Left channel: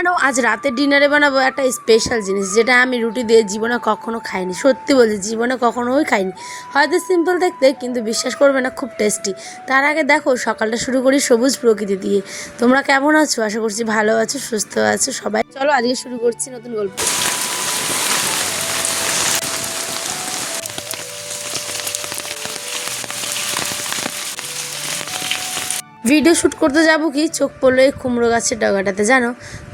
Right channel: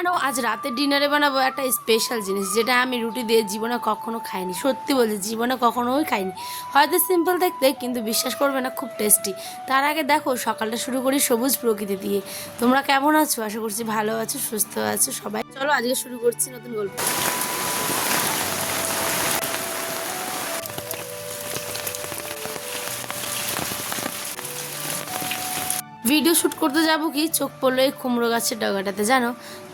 জানো আজ রাতের ডিনারে বানাবো একটা স্পেশাল জিনিস, যেটা আমি রুটি দিয়ে জীবনে কখনো খাইনি। সত্যি বলছি, জীবনে কখনোই খাইনি। হয়তো সিম্পল দেখতে, কিন্তু বিশ্বাস করবে না, খুব টেস্টি। তার আগে দেখো, সকালটা শুরু করি সবুজ প্রকৃতি দিয়ে। তোমরা কেমন আছো? আশা করছি ভালো আছো, সুস্থ আছো সবাই। চলো আজকে শুরু করছি নতুন গল্প। ভিডিও শ্যুট করতে যাবো কি, চোখ পড়লো এই কুমড়ো গাছের ডগাটাতে। জানো,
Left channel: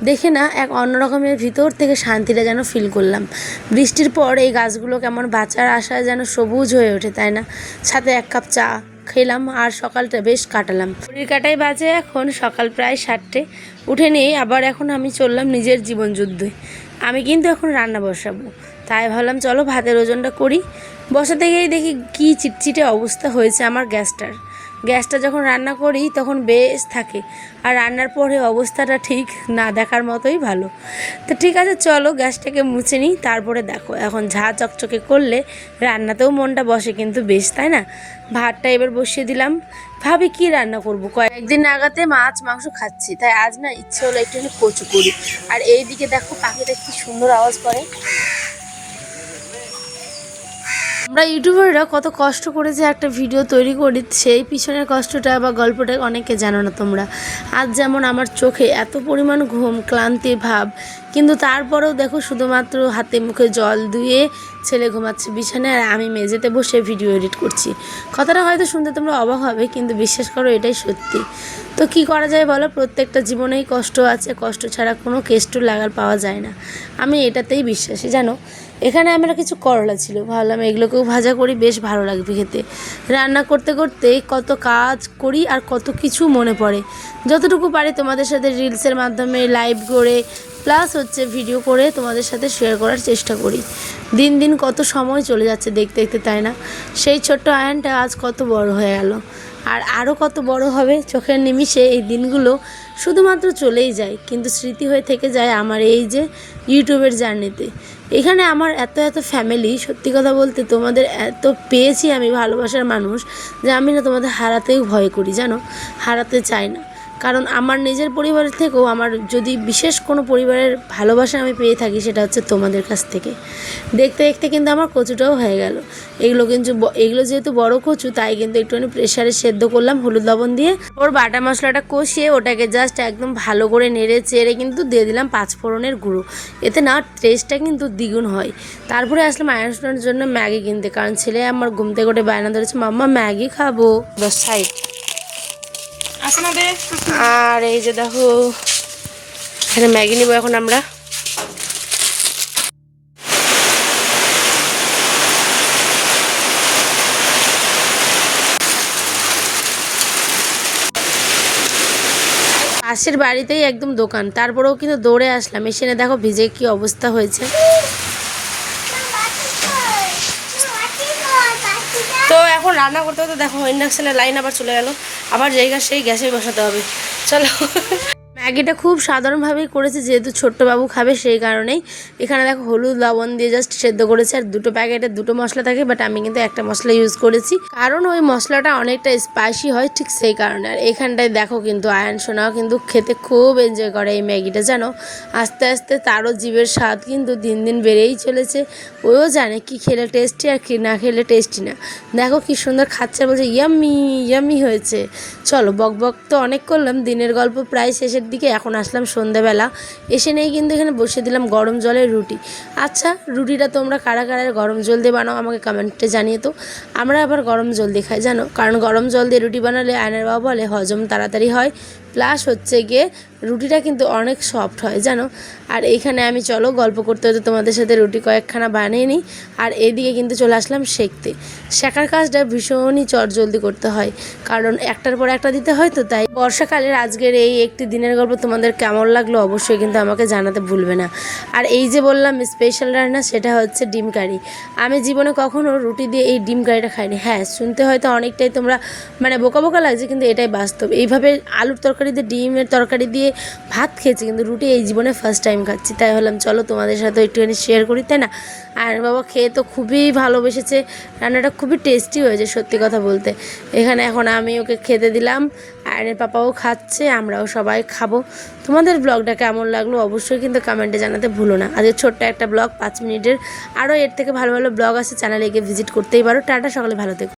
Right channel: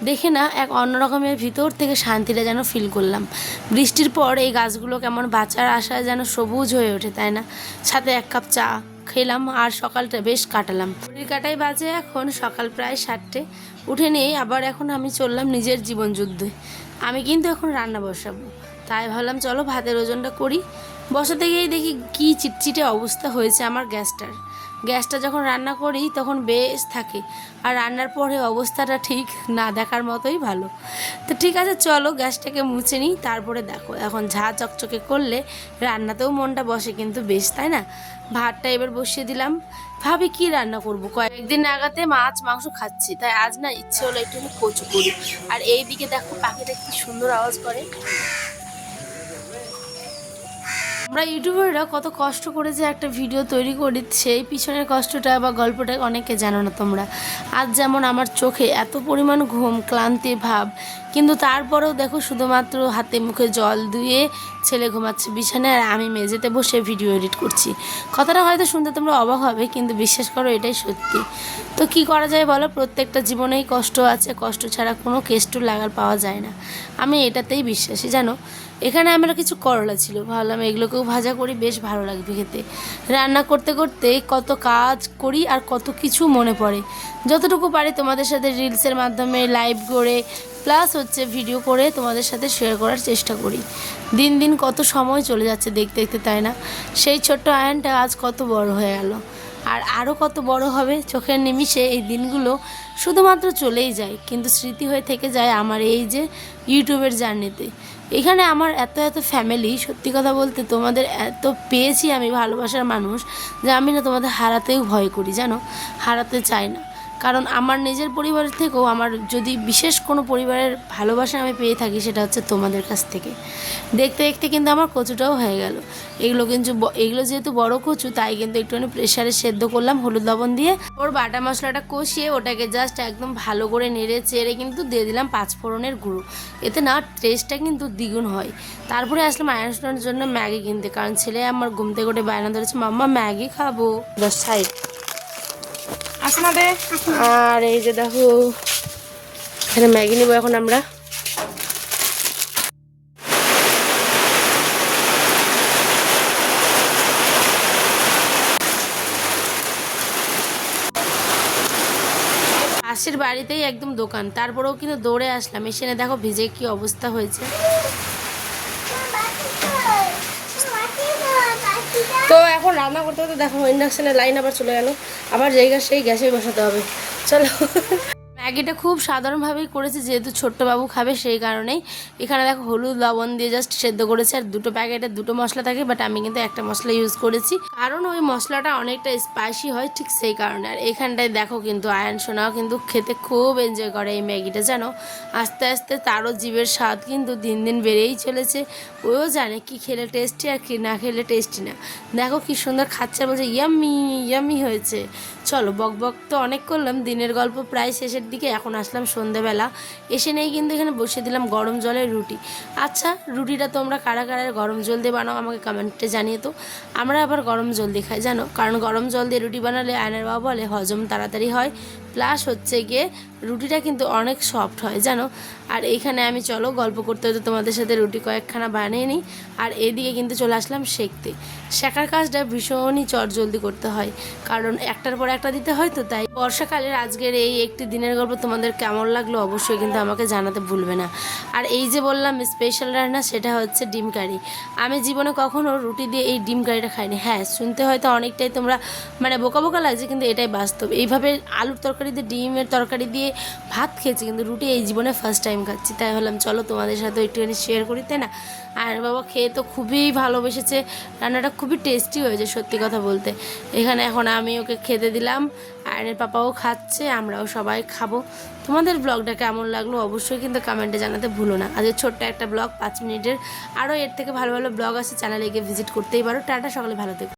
দেখে না এক অন্যরকমের ভিতর থেকে শান্তিটা যেন ফিল করলাম। বৃষ্টির পর এই গাছগুলো কেমন বাঁচার আশায় যেন সবুজ হয়ে ওঠে, তাই না? সাথে এক কাপ চা খেলাম আর সকালটা বেশ কাটালাম। ঘড়ির কাটাই বাজে এখন সকাল প্রায় 7টে। উঠে নিয়েই আবার এখন আমি চললাম নিজের জীবন যুদ্ধে। আমি কিন্তু এখন রান্না বসাবো, তাই ভাবলাম চলো ভাতের ওজনটা করি। বসাতে গিয়েই দেখি কি চিটচিটে অবস্থা হয়েছে আমার গ্যাসটা যখন রান্না করি তখন বেশ থাকে, আর রান্নার পরে অবস্থাটা ঠিক না দেখার মতোই ভালো। তো ঠিক আছে, চলো গ্যাসটাকে মুছে নিই। তারপরে দেখো, এখন ঝাঁ চকচকে করলে রান্নাতেও মনটা বসে কিন্তু বেশ, তাই না? ভাতটা এবার বসিয়ে দিলাম। ভাবি কি রান্না করব, কয়েকদিন নাগাতে মাছ মাংস খাচ্ছি, তাই আজ না ইচ্ছে হলো একটুখানি কচু করি। আর এইদিকে দেখো পাখিটা কি সুন্দর আওয়াজ করে। আমরা ইউটিউবাররা কত কষ্ট করে যে একটা ভিডিও তৈরি করি, সেই পিছনের কষ্টটা বা গল্পটা অনেকে জানো না তোমরা। আজ যেমন আমার চোখে এত পরিমাণ ঘুম, ক্লান্তি ভাব, কিন্তু তারপরেও দেখো শুধুমাত্র হাতে মুখে জল ধুয়ে ছেলে ঘুমাচ্ছে বিছানায়, আর আমি মেঝেতে বসে ভিডিও এডিট করছি। কথাটা হয়তো শুনতে তোমরা অবাক হবে, কিন্তু বিশ্বাস করো এটাই সত্যি। তো কি করা যায় বলো, প্রত্যেকটা জীবনেই কষ্ট আছে, কষ্ট ছাড়া কোনো কেষ্ট লাগার পাওয়া যায় না। আমি এটাতেই বিশ্বাসী, জানো। এখানে আমার কিছু করলা ছিল, ভাবলাম এগুলোকেও ভাজা করি, বেশ ভালো লাগবে খেতে। রান্না করতে করতে কত কাজ করি আর কত কিছু মনে পড়ে। যতটুকু পারি তোমাদের সাথে রিলসের মাধ্যমে লাইভ করে, প্লাস হচ্ছে ভিডিও করে তোমাদের সাথে শেয়ার করার চেষ্টা করি। দিন দিন কত সময় চলে যাচ্ছে দেখতে দেখতে, তাই না? সেই ছোট্ট আয়নটা আজ কত বড় হয়ে গেল, আর আরও কত বড় হবে চোখের নিমিষে। এই দিনগুলো শুধুমাত্র চলেই যায়, কিন্তু স্মৃতি হয়ে থেকে যায় আমার এই যে ইউটিউবের জার্নিতে। এখানে আমার এত এত ফ্যামিলি, সত্যি কথা বলতে তোমাদের এত পেয়েছি আমি, ভালোবাসার মানুষ, যে আমি না তোমাদের হারাতেও ভয় করি, জানো। হারাতে চাই না, কারণ আমার নিজের পরিবারের থেকেও আমার যদি বিশেষ কোনো পরিবারের ভালোবাসা আমি পেয়ে থাকি, সেটা হচ্ছে তোমাদের কাছ থেকে। দেখতে দেখতে কিন্তু আমার কচুটাও হয়ে গেল। এগুলো যেহেতু বড় কচু, তাই কিন্তু একটুখানি প্রেশারে সেদ্ধ করলাম হলুদ লবণ দিয়ে। ওর বাটা মশলাটা কষিয়ে ওটাকে জাস্ট একদম ভালো করে নেড়ে চেড়ে কিন্তু দিয়ে দিলাম 5 ফোড়নের গুঁড়ো। এতে না টেস্টটা কিন্তু দ্বিগুণ হয়। তারপরে আসলাম আয়রনের জন্য ম্যাগি কিনতে, কারণ ছেলে আমার ঘুম থেকে উঠে বায়না ধরেছে, মাম্মা ম্যাগি খাবো। সাইড আর এই যে দেখো, এখানে ম্যাগি নিব এখন আমরা। পাশের বাড়িতেই একদম দোকান, তারপরেও কিন্তু দৌড়ে আসলাম। এসে দেখো ভিজে কি অবস্থা হয়েছে। তো এখন রান্না করতে করতে দেখো ইন্ডাকশনের লাইন আবার চলে গেল, আবার জায়গা সেই গ্যাসে বসাতে হবে। চলো, ম্যাগিটা খুব সাধারণভাবেই করেছে, যেহেতু ছোট্ট বাবু খাবে সেই কারণেই। এখানে দেখো হলুদ লবণ দিয়ে জাস্ট সেদ্ধ করেছে, আর দুটো প্যাকেটে দুটো মশলা থাকে, বাট আমি কিন্তু একটা মশলা ইউজ করেছি, কারণ ওই মশলাটা অনেকটা স্পাইসি হয়, ঠিক সেই কারণে। আর এখানটায় দেখো কিন্তু আয়ন সোনাও কিন্তু খেতে খুব এনজয় করে এই ম্যাগিটা, জানো। আস্তে আস্তে তারও জীবের স্বাদ কিন্তু দিন দিন বেড়েই চলেছে। ওও জানে কি খেলে টেস্টি আর কি না খেলে টেস্টি না। দেখো কি সুন্দর খাচ্ছে, বলছে ইয়াম্মি ইয়াম্মি হয়েছে। চলো, বক বক তো অনেক করলাম, দিনের গল্প প্রায় শেষের দিকে। এখন আসলাম সন্ধ্যেবেলা, এসে নেই কিন্তু এখানে বসিয়ে দিলাম গরম জলের রুটি। আচ্ছা, রুটিটা তোমরা কারা কারা গরম জল দিয়ে বানাও আমাকে কমেন্টে জানিয়ে তো। আমরা আবার গরম জল দিয়ে খাই, জানো, কারণ গরম জল দিয়ে রুটি বানালে আয়নের বাবা বলে হজম তাড়াতাড়ি হয়, প্লাস হচ্ছে গিয়ে রুটিটা কিন্তু অনেক সফট হয়, জানো। আর এইখানে আমি চলো গল্প করতে হতে তোমাদের সাথে রুটি কয়েকখানা বানিয়ে নিই, আর এদিকে কিন্তু চলে আসলাম শেখতে। শেখার কাজটা ভীষণই চটজলদি করতে হয়, কারণ একটার পর একটা দিতে হয়, তো তাই। বর্ষাকালের আজকের এই একটি দিনের গল্প তোমাদের কেমন লাগলো অবশ্যই কিন্তু আমাকে জানাতে ভুলবে না। আর এই যে বললাম স্পেশাল রান্না, সেটা হচ্ছে ডিম কারি। আমি জীবনে কখনো রুটি দিয়ে এই ডিম কারিটা খাইনি। হ্যাঁ, শুনতে হয়তো অনেকটাই তোমরা বোকা বোকা লাগছে, কিন্তু এটাই বাস্তব। এইভাবে আলুর তরকারি তরকারি দিয়ে ডিমের তরকারি দিয়ে ভাত খেয়েছি, কিন্তু রুটি এই জীবনে ফার্স্ট টাইম খাচ্ছি। তাই হলাম চলো তোমাদের সাথে একটুখানি শেয়ার করি, তাই না। আর বাবা খেয়ে তো খুবই ভালোবেসেছে, রান্নাটা খুবই টেস্টি হয়েছে সত্যি কথা বলতে। এখানে এখন আমি ওকে খেতে দিলাম, আয়নের পাপাও খাচ্ছে, আমরাও সবাই খাবো। তোমাদের ব্লগটা কেমন লাগলো অবশ্যই কিন্তু কমেন্টে জানাতে ভুলো না। আজকে ছোট্ট একটা ব্লগ 5 মিনিটের, আরও এর থেকে ভালো ভালো ব্লগ আছে, চ্যানেলে গিয়ে ভিজিট করতেই পারো। টাটা, সকালে ভালো থেকো।